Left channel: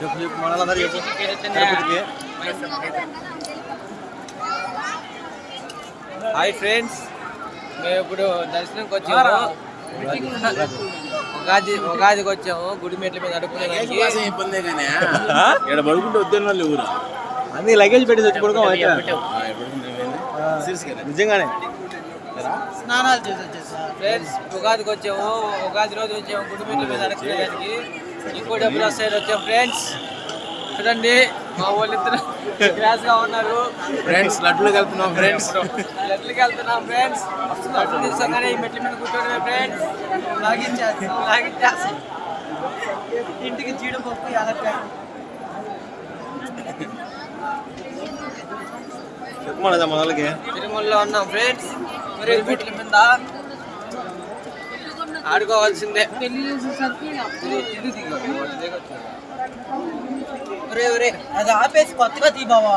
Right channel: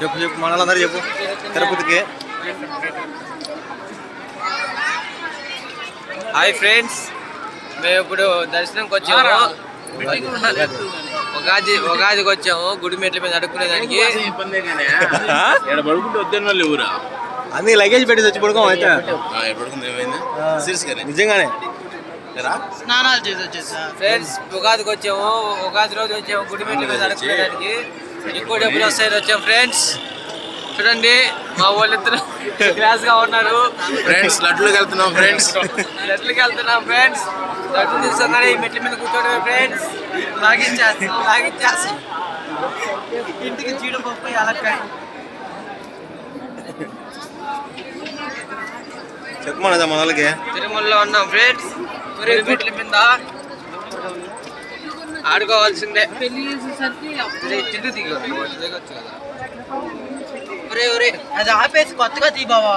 చెప్పు చెప్పు మనలందరూ చెప్పు తిరుపతికి. హాయ్ ఫ్రెండ్స్, మేము ఇప్పుడు దర్శనంకి వచ్చాము. ఉగాదికి వచ్చాము. గుడి మెట్ల మీద అడుక్కునేదానికి. అన్ని లగేజ్ పెట్టి వచ్చి పడుకోం అయితే నిజంగానే స్నానాలు చేసి వచ్చేసా ఫ్రెండ్స్. ఉగాదికి వచ్చాము. ఉగాది రోజు వచ్చాము గుడి మెట్ల మీద అడుక్కునేదానికి. ఎక్కువ డబ్బులు వస్తాయని వచ్చాము ఫ్రెండ్స్. చూడండి మా వాళ్ళిద్దరు క్లాస్ గా ఉన్నారు ఫ్రెండ్స్. లడ్డుకి వెళ్తున్నాం ఫ్రెండ్స్. లడ్డుకి వెళ్తున్నాం ఫ్రెండ్స్. లడ్డు తీసుకోగానే ఈ మెట్ల మీద కూర్చోండి ఫ్రెండ్స్. లాగించేసి ఇంటికి జీడిపప్పు యాలక్కాయ. చెప్పు మన వాళ్ళకి. తిరుమలలో ఉన్నాం ఫ్రెండ్స్. ఒరే మెట్ల మీద ఆడుకోవాల్సిందే. చిల్లు దిగొచ్చు. ఒరే అది ఆపేసి కొత్తగా తీ బావా.